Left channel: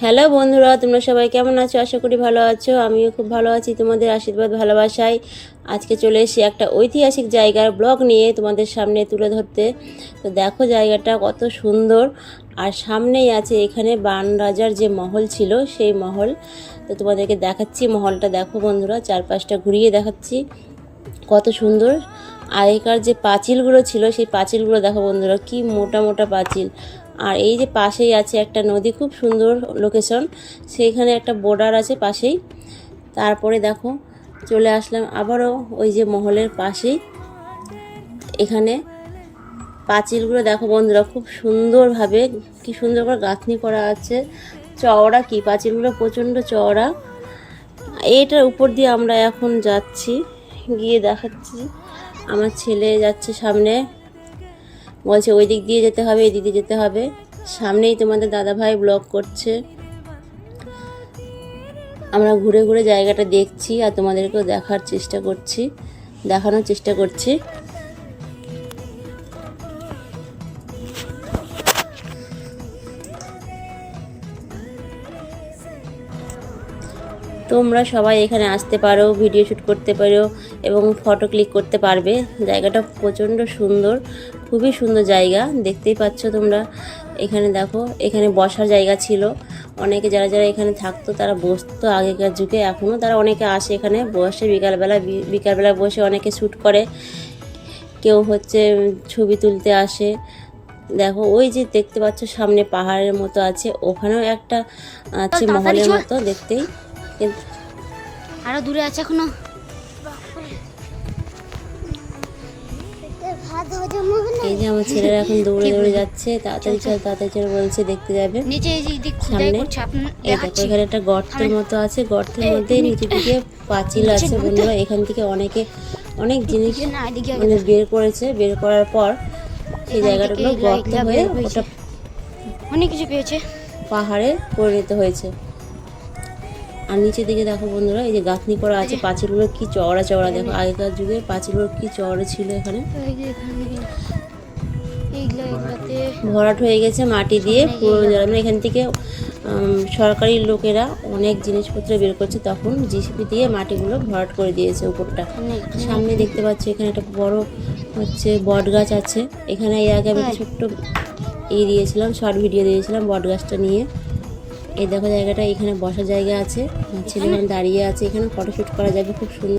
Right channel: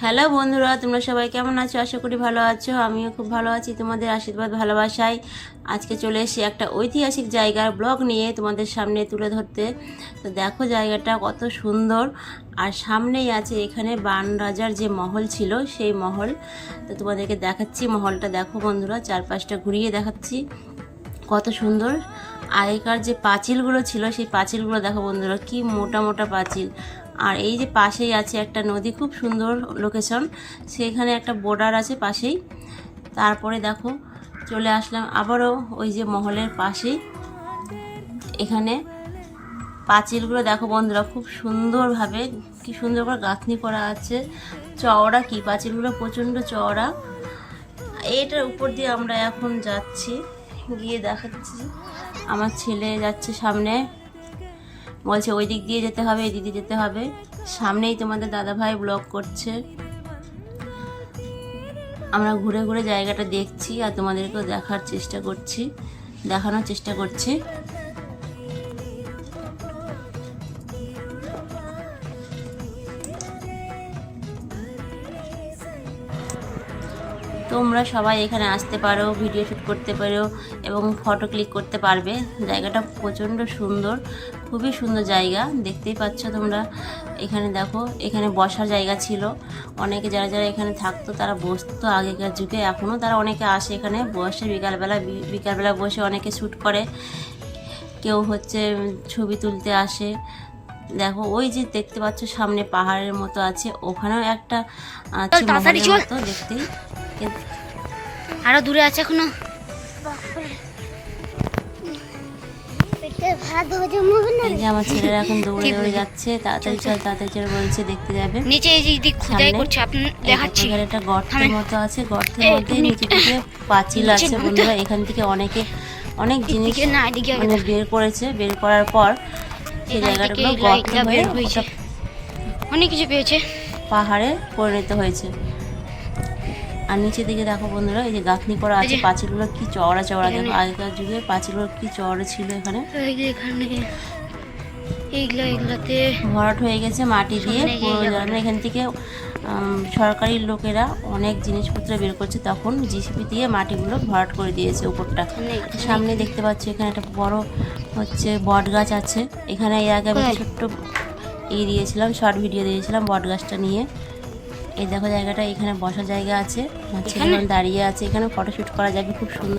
Hello বন্ধুরা, তোমরা সবাই কেমন আছো? আশা করি ভালো আছো। আমিও খুব ভালো আছি। তোমাদের আশীর্বাদ, ভালোবাসায় আজকে চলে এসেছি একটা ঐতিহাসিক জায়গার ব্লগ নিয়ে তোমাদের সামনে তুলে ধরতে। তো দেখো জায়গাটা কত সুন্দর। আর সামনেই আছে এখানে বান রাজার যে মহল ছিল, সেই মহল। তো তোমাদেরকে দেখাচ্ছি মহলটা। দেখো বন্ধুরা, চারপাশটা ঘুরিয়ে দেখাচ্ছি। কত সুন্দর। আগেকার যে পাঁচিলগুলো ছিল, সেই পাঁচিলগুলো দেখো বন্ধুরা, কি মোটা মোটা পাঁচিল। আর এই যে পাশেই আছে একটা নদী, খুব সুন্দর লোকেশন সেইখানে একটা বর্ডার আছে পাশেই। তারপরে দেখো, চলে আসলাম আবারও ওই যে মহলের পাশেই। এখানে পাঁচিলগুলো দেখো বন্ধুরা, খুব সুন্দরভাবে কি সুন্দর করে গাঁথনি করা আছে। চওড়া কি? পাঁচিলগুলো প্রচণ্ড চওড়া। এইটার উপর দিয়ে আমরা এখন যাচ্ছি, গিয়ে দেখাচ্ছি। আমার ছেলে যাচ্ছে সামনে। বলছে, ওই দিক দিয়ে যেতে হবে, এই দিক দিয়ে যেতে হবে। সামনেই তোমাদের দাদা ভাই ব্লগ করছে। আমরা ঘুরে ঘুরে জায়গাটা দেখছি আর তোমাদেরকেও দেখার চেষ্টা করছি, দেখানোর চেষ্টা করছি। তোমরা সবাই এখানে আসতে পারো ভিডিও শ্যুট করতে পারো এবং ফটো ক্লিক করতে পারবে। জায়গাটা প্রচণ্ড সুন্দর। খুবই সুন্দর জায়গা দেখতেই পাচ্ছ তোমরা। এখানে দেখো এখানে বসার জায়গা ছিল। অনেকে যারা যারা এখানে থাকতো তারা বসতো আগেকার যুগে। এখনও তারা অনেকে আসে এখানে বসে বিকালবেলা বিকালবেলা বসে অনেকে শ্যুট করে। কেউ হচ্ছে ছবি তুলতে আসে। দেখো ওই যে দেখতে পাচ্ছ সামনে পাহাড়ের মতো আছে। ওখানেও একটা আছে মহলের মতো দেখতেই। কিন্তু আরও দূরে আছে এখনও। এই যে আমার ছেলেরা এখন দৌড়ে দৌড়ে যাচ্ছে তাড়াতাড়ি চল তাড়াতাড়ি চল বলছে দেখতে যাবে। নিচে দিক খুদাই করছে আপনি দেখাচ্ছি। এখানে একটা গর্তের মতো আছে গর্তের মধ্যে নিচে দিকে পাঁচিল আছে বন্ধুরা। এখান থেকে অনেকে অনেক জিনিস মানে বের করেছে। বের করার পর সেই জায়গাটাগুলো গর্ত হয়ে অনেক কিছু পেয়েছে। পাহাড়ে পরিণত হয়েছে। আর নিচের দিকে দেখো বন্ধুরা এই যে গাঁথনি করা আছে পাঁচিলগুলো কি চওড়া চওড়া দেখো আগেকার যুগে পাঁচিলগুলো কি চওড়া ছিল এখানে। এই ভরাট হয়ে গেছে মাটি দিয়ে পুরো গিয়ে এখান থেকে সরকারি লোকেরা অনেক জিনিসপত্র বের করছে তখন জিসিপি দিয়ে মাটিগুলো ভরাট করে দিয়েছে উপরটা। সামনে দেখতে পাচ্ছি এখানে একটা বড় হচ্ছে বট গাছ আছে। এখানে এর আগে আমি ছোট্ট এই দিয়েছিলাম শর্ট ভিডিও দিয়েছিলাম বট গাছটা নিয়ে। এই দেখো জায়গাটা এখানে বসার জায়গা আছে। ছেলেরা দাঁড়িয়ে আছে। এখানে ফটোশ্যুট করা যাবে খুব সুন্দর।